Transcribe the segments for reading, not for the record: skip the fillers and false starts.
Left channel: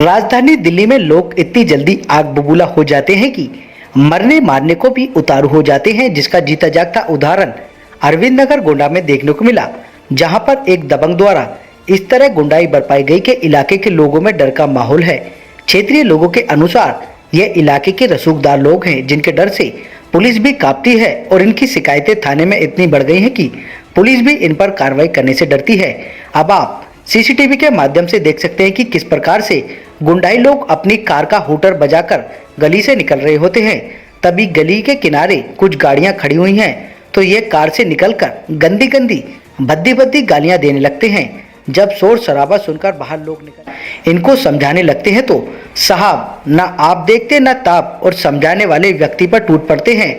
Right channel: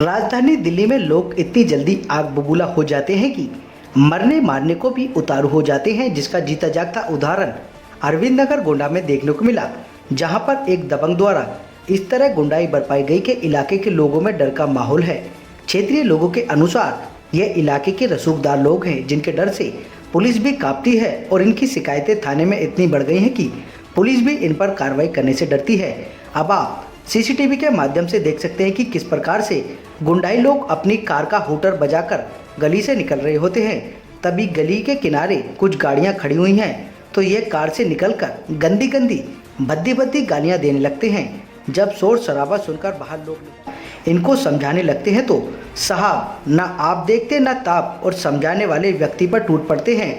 राजधानी दिल्ली में लोग इतनी जल्दी आग बबूला हो जाते हैं कि मरने मारने को भी उतारू हो जाते हैं, जिसका जीता जागता उदाहरण अरविंद नगर गोंडा में देखने को मिला, जहां पर एक दबंग द्वारा इस तरह गुंडाई बरपाई गई कि इलाके के लोगों में डर का माहौल है। क्षेत्रीय लोगों के अनुसार यह इलाके के रसूखदार लोग हैं, जिनके डर से पुलिस भी कांपती है और इनकी शिकायतें थाने में इतनी बढ़ गई हैं कि पुलिस भी इन पर कार्रवाई करने से डरती है। अब आप सीसीटीवी के माध्यम से देख सकते हैं कि किस प्रकार से गुंडाई लोग अपनी कार का हूटर बजाकर गली से निकल रहे होते हैं। तभी गली के किनारे कुछ गाड़ियां खड़ी हुई हैं, तो ये कार से निकलकर गंदी गंदी भद्दी भद्दी गालियां देने लगते हैं। जब शोर शराबा सुनकर बाहर लोग इनको समझाने लगते हैं तो साहब ना आप देखते ना ताप और समझाने वाले व्यक्ति पर टूट पड़ते हैं।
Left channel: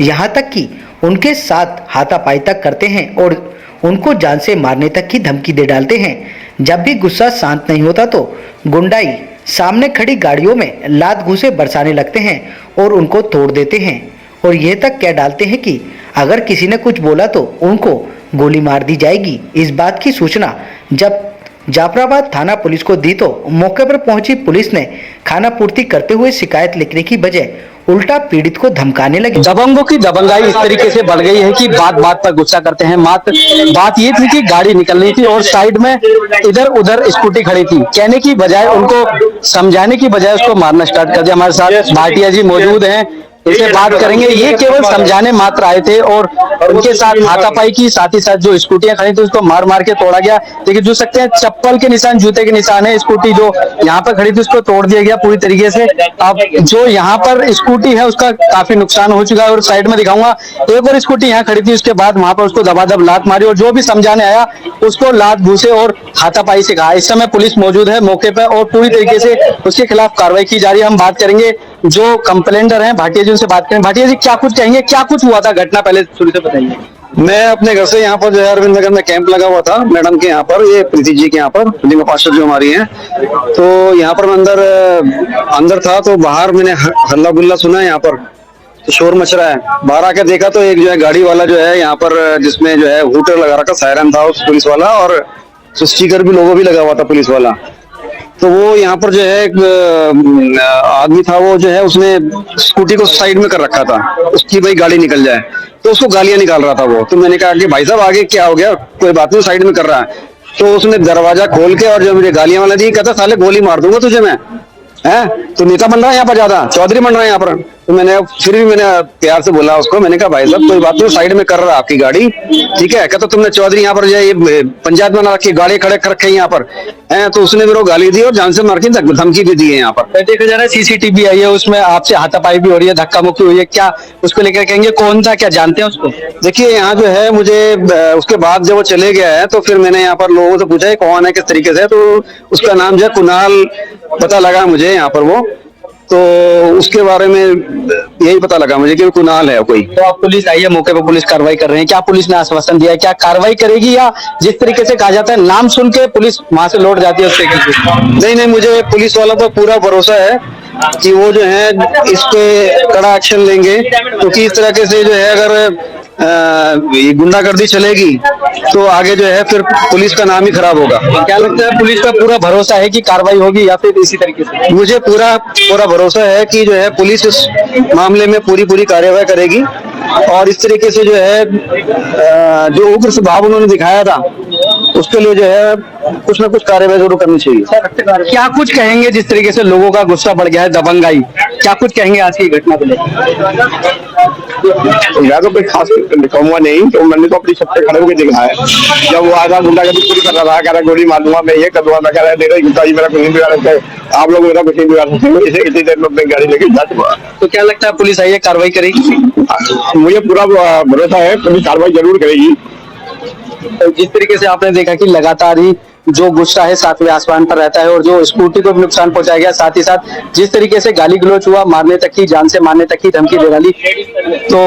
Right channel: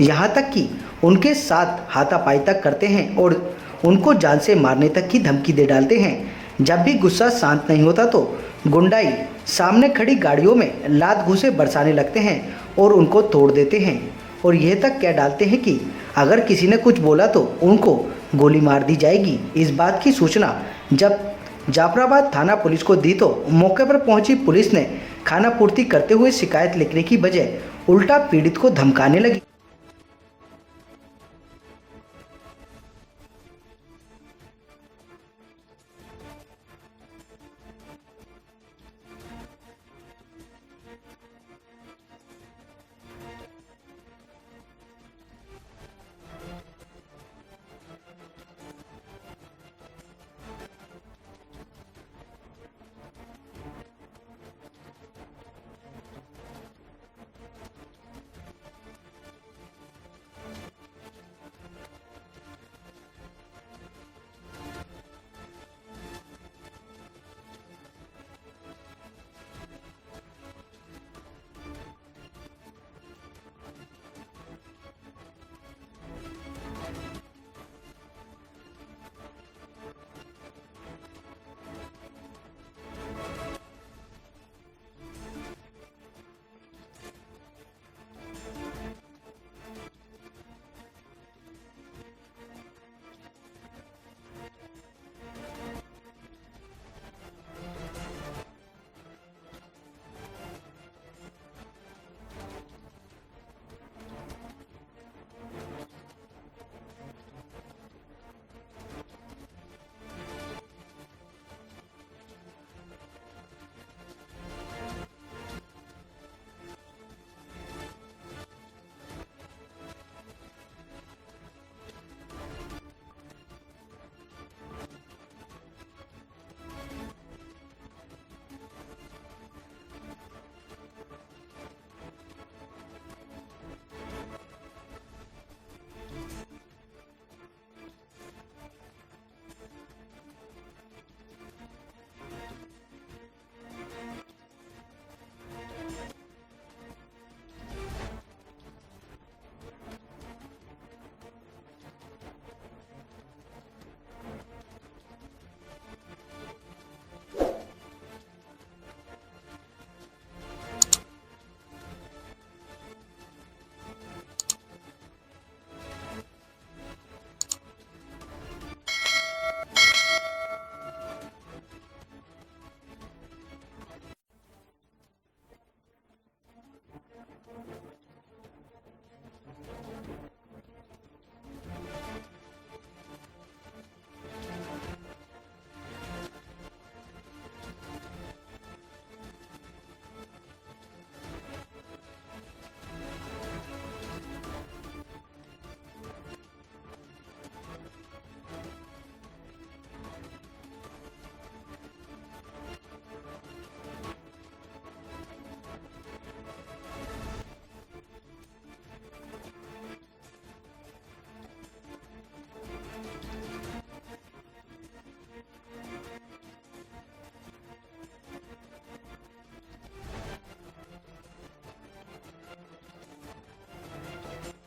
यहाँ तक कि उनके साथ हाथापाई तक करते हैं और उनको जान से मारने तक की धमकी दे डालते हैं। जब भी गुस्सा शांत नहीं होता तो गुंडाई सामने खड़ी गाड़ियों में लात घूंसे बरसाने लगते हैं और उनको तोड़ देते हैं, और यह तक कह डालते हैं कि अगर किसी ने कुछ बोला तो उनको गोली मार दी जाएगी। इस बात की सूचना जब जाफराबाद थाना पुलिस को दी तो मौके पर पहुंची पुलिस ने खाना पूर्ति करते हुए शिकायत लिखने की बजाय उल्टा पीड़ित को धमकाने लगी। दबंगों की दबंगाई इस तरीके से बढ़ गई है कि बात बात पर गुस्सा करते हैं। बात ये थी कि गाड़ी निकलनी थी और साइड में इधर उधर स्कूटी खड़ी थी, कहने की बजाय उनको समझाने की बजाय उसको मारना स्टार्ट कर दिया। हमारे साथ भाटिया जी मौजूद हैं, इसे बात करेंगे। ये केवल समझाने मात्र आए थे और उनके साथ हाथापाई की, साथ ही साथ जो स्कूटियां खड़ी थी उसको मार मार के तोड़ा गया। देखिए जो सकते हैं चप्पल के निशान, जूते के निशान है। स्कूटी जो यहाँ पर खड़ी थी उसको तोड़ दिया गया पूरी तरीके से। अब जो यहाँ पर स्कूटी है उसका काफी नुकसान हो चुका है और साइड में दिखाऊंगा एक और स्कूटी यहाँ खड़ी थी, उसके बाद वहां पर उसको दबादब लात मारी और जो भी समझाने आया उसको लात घूसे और हाथापाई से कहा। इस समय पुलिस मौजूद है मौके पर और पूरी तरीके से उसके खिलाफ कार्रवाई की जा रही है। हम बात करेंगे जो कंप्लेंटर हैं भाटिया जी, उनसे बात करें। भाटिया जी क्या कुछ कहेंगे, क्या कुछ हुआ था घटना, पहले शुरू से बताइए। मैं अपने घर से यहाँ पर जो है अरविंद नगर में कैंप लगा हुआ था मैडम के यहाँ पर, ये प्रीति जी के यहाँ पर, जिनका पार्षद जो हमारी हैं, तो यहाँ पर मैं अंदर था तो बाहर मैंने हल्ला गुल्ला सुना यहाँ पर, तो शोर मच रहा है। बाहर आके देखा तो एक जो है गाड़ी वाला जो है यहाँ पर, जिसमें जो है हूटर लगा रखा, सायरन था उस पुलिस वाला और स्टिकर भी, लोगो भी लगा हुआ था पुलिस वाला। तो वो यहाँ पर जो है एक आदमी था, वो जो है उसने स्कूटी को साइड में कर रखा था, उसकी भाई गाड़ी निकल जाए, तो उसको गालियां निकाल रहा था वो। तो मैंने कहा कि भाई साहब आगे क्या हो गया, कोई बात नहीं, साइड में कर रहा है। तो उसने दरवाजा खोल के और जो मुझे गालियां वाला दी, कहता साले गोली मार दूंगा तुझे मैं, है तो नेता बन रहा है यहाँ पर, ज्यादा चौधरी बन रहा है यहाँ पर। तो मैंने फिर भी मैंने प्यार से बोला उसको, मैंने कहा भाई साहब कोई बात नहीं, साइड में कर रहा है आपकी गाड़ी, ठीक है। कहता तुमने चौधरी यहाँ पर जो है ये पंचायत बना रखी, गाड़ी खड़े कर रखे यहाँ पर, है। तो उसने मेरे को गाली दी और जान से मार के धमकी भी दी है यहाँ पर। देखा जा रहा है सीसीटीवी आई है, उसमें आपसे हाथापाई भी हो रही है, धक्का मुक्की हुई है, क्या उसको लेकर कहेंगे, कौन था, क्या जानते हैं उसको? देखिए यहाँ जो है मुझे उसके बाद जब वो चले गया है तो फिर मैंने यहाँ पर लोगों से पूछा कौन है, किस तरीके से, तो उसका नाम जो है कुणाल पता लगा मुझे यहाँ पर वो, तो उसके बारे में यही पता लगा मुझे कि कुणाल है कोई। तो आप पुलिस आई है मौके पर, पुलिस कार्रवाई कर रहे हैं, क्या पुलिस ने आश्वासन दिया है, क्या कार्रवाई करेगी, या जिस तरीके से कहा जाता है नाम सुन के पुलिस वहां से लौट जाती है उस तरीके से? नहीं, मुझे पुलिस वालों पर पूरा भरोसा है कि वो जो है इस पे कड़ा एक्शन लेंगे, क्योंकि इस तरीके से जो है अगर ये गुंडागर्दी चलेगी तो आगे जो है फिर पुलिस का नाम ही खराब होगा। क्या लगता है पुलिस का पूरा भरोसा है कि कार्रवाई होगी या फिर इसी तरीके से? मुझे पूरा भरोसा है कि जो है पुलिस इस मामले में पूरी कार्रवाई करेगी और इस तरीके से जो है जो उग्र स्वभाव उन्होंने दिखाया था उसके लिए जो है कुछ ना कुछ कार्रवाई जरूर करनी चाहिए। क्या कुछ कहेंगे जिस तरीके से लोगों का गुस्सा बढ़ गया है, दबंगाई, क्या कुछ कहेंगे आज की घटना को लेकर? मैं तो कोई खास कहूंगा नहीं, तो मैंने तो अपनी छत पे खड़े होकर देखा है। जब वो आधा गुंडागर्दी पूरी कर रहा था, कह रहा गोली मार दूंगा, मैं ये कर दूंगा, मैं कह रहा मेरा गुस्सा ही, मेरा कुछ नहीं बिगाड़ सकते, आप लोग मेरा कुछ नहीं बिगाड़ सकते, इसे इतनी देर में अपनी गाड़ी लेके जा चुका। तो क्या लगता है पुलिस आई है कार्रवाई करेगी? मुझे पूरा भरोसा है पुलिस कार्रवाई जरूर करेगी। जिस तरीके से आपने देखा कि लगातार ही जो गुस्सा है सातवें आसमान पर रहता है और जो स्कूटी को भी नुकसान पहुंचाया गया, साथ ही साथ जिस तरीके से गाली गलौज हुआ, मारने तक की, जान से मारने तक की धमकी दे डाली। तो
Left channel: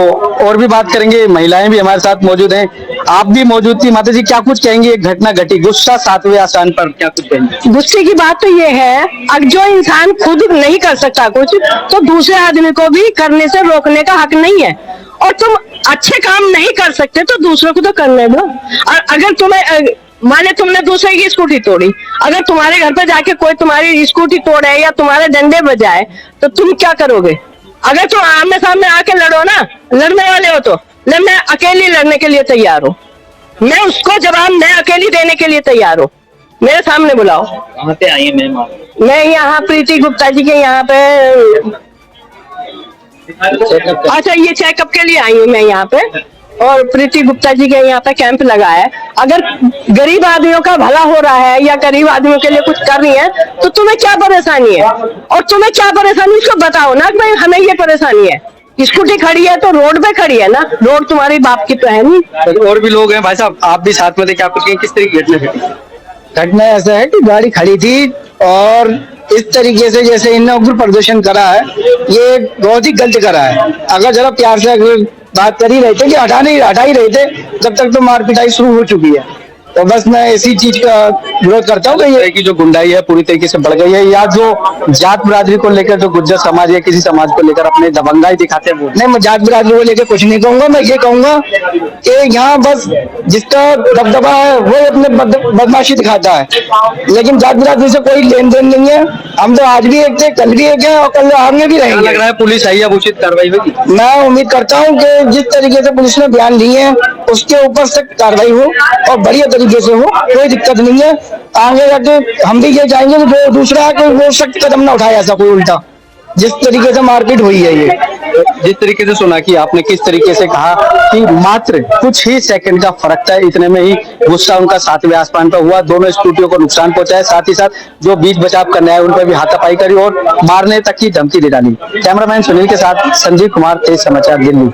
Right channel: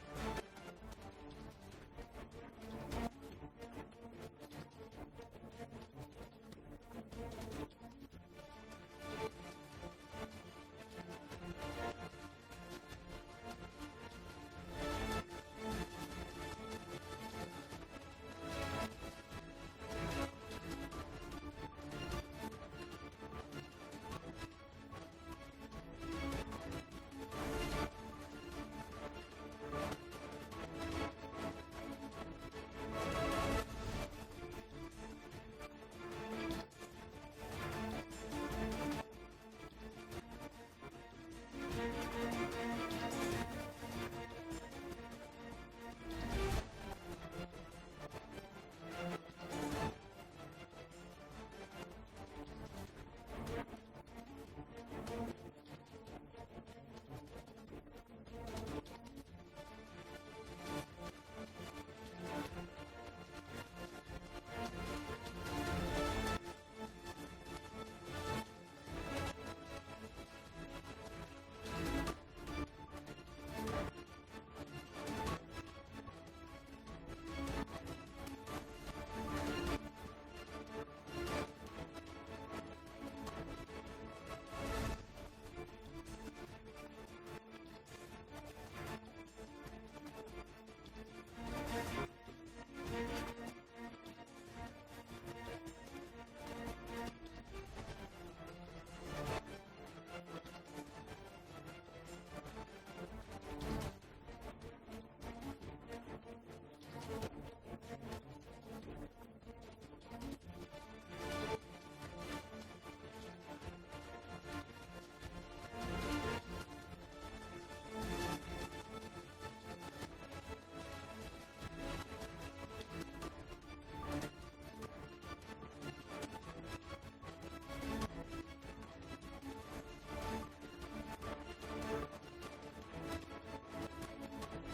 और भी बात करेंगे, महिलाएं भी हमारे साथ मौजूद हैं, आप भी मौजूद थी। माता जी क्या कुछ कहेंगे, एक घटना घटी, गुस्सा सातवें आसमान पर, क्या कुछ कहेंगे? गुस्से की बात तो ये है, अब जो इंसान खुद नहीं कर सकता कुछ, तो दूसरे आदमी को भी करने से रोकने का हक नहीं है। और तुम अच्छे काम नहीं कर सकते तो दूसरों को तो करने दो। और अगर तुम्हें माने तुमने दूसरे की स्कूटी तोड़ी, अगर तुम्हारे घर पे जाके कोई तुम्हारी स्कूटी तोड़े या तुम्हारे डंडे बजाए तो तुम क्या करोगे? अगर तुम आमने सामने आके लड़ो ना, लड़ने वाले हो तो मैं अकेली लड़ने के लिए तैयार हूँ, मैं उसको जवाब मैं अकेली देने के लिए तैयार हूँ, मेरे सामने बुलाओ। कहाँ पे आई है मैम? मैं यहाँ प्रीति गुप्ता जी के यहाँ पे, अच्छा ये चेकअप के लिए आई हूँ मैं यहाँ पे, और प्रीति गुप्ता जी के यहाँ पे कैंप लगा है। अगर गरीब आदमियों का भला हो रहा है या गरीब आदमियों के लिए कुछ कर रही है तो तुम्हें क्या परेशानी है? और तुम्हें क्या परेशानी उसको बताओ ना कि भाई हमें ये परेशानी है। स्कूटी खड़ी है तो रोड पे खड़ी है ना, रोड तुम्हारी बाप की तो है नहीं। और भी लोग हैं भाई साहब, आप भी साथ में थे, क्या कुछ किस तरह की घटना घटी? घटना ऐसा है कि गाड़ी खड़ी थी और इस तरीके से जैसे इनने उग्र प्रदर्शन करा है, ये बहुत ही गलत करा है। अगर जरा प्यार से अगर बात कर ही रहे थे कि हटा ही रहे थे, जब तक तो मार पिटाई शुरू हो चुकी है। तो बस मैं इसी चीज का विरोध करता हूँ कि ये की जो गुंडाई है पूरी तरीके से बढ़ गई है, या जो जात बिरादरी को लेकर जो गुज्जर समाज या किसी समाज को लेकर अपने दबंगाई दिखाते हैं वो। नहीं, मैं जात बिरादरी को लेकर कुछ नहीं कहूंगा। मैं ये कहूंगा कि यहाँ बस जिसका दबदबा है वो अपने बदमाशी दिखाता है, लेकिन जात बिरादरी से कोई लेन देन नहीं है। हम तो आज भी एक थे, कल भी एक है और कल आगे भी रहेंगे। लग रहा है पुलिस आई, अब उचित कार्रवाई होगी। मैं उम्मीद करता हूँ कि जिस तरीके से पुलिस ने बयान लिए हैं उसके ऊपर सख्त कार्रवाई हो और बढ़िया तरीके से हो, कोई दिक्कत नहीं है। आगे जाके हम भी ये चाहेंगे कि जो दूसरा है कोई वो सख्त कदम ना उठाए, ऐसा कोई उल्टा जिस तरीके से मारपीट हुई है। ये जिस तरीके से सुना कि आपने किस तरीके से कहा कि मात्र कुछ ही सेकंड का फर्क था, इतने में ही गुस्सा उनका 7वें आसमान पर हुआ, दोनों स्कूटियों को नुकसान पहुंचाया, साथ ही साथ जो बीच बचाव करने आए उन पर भी हाथापाई करी और मारने तक की धमकी दे डाली। कैमरामैन सुनील के साथ संजीव कुमार, तेज समाचार, दिल्ली।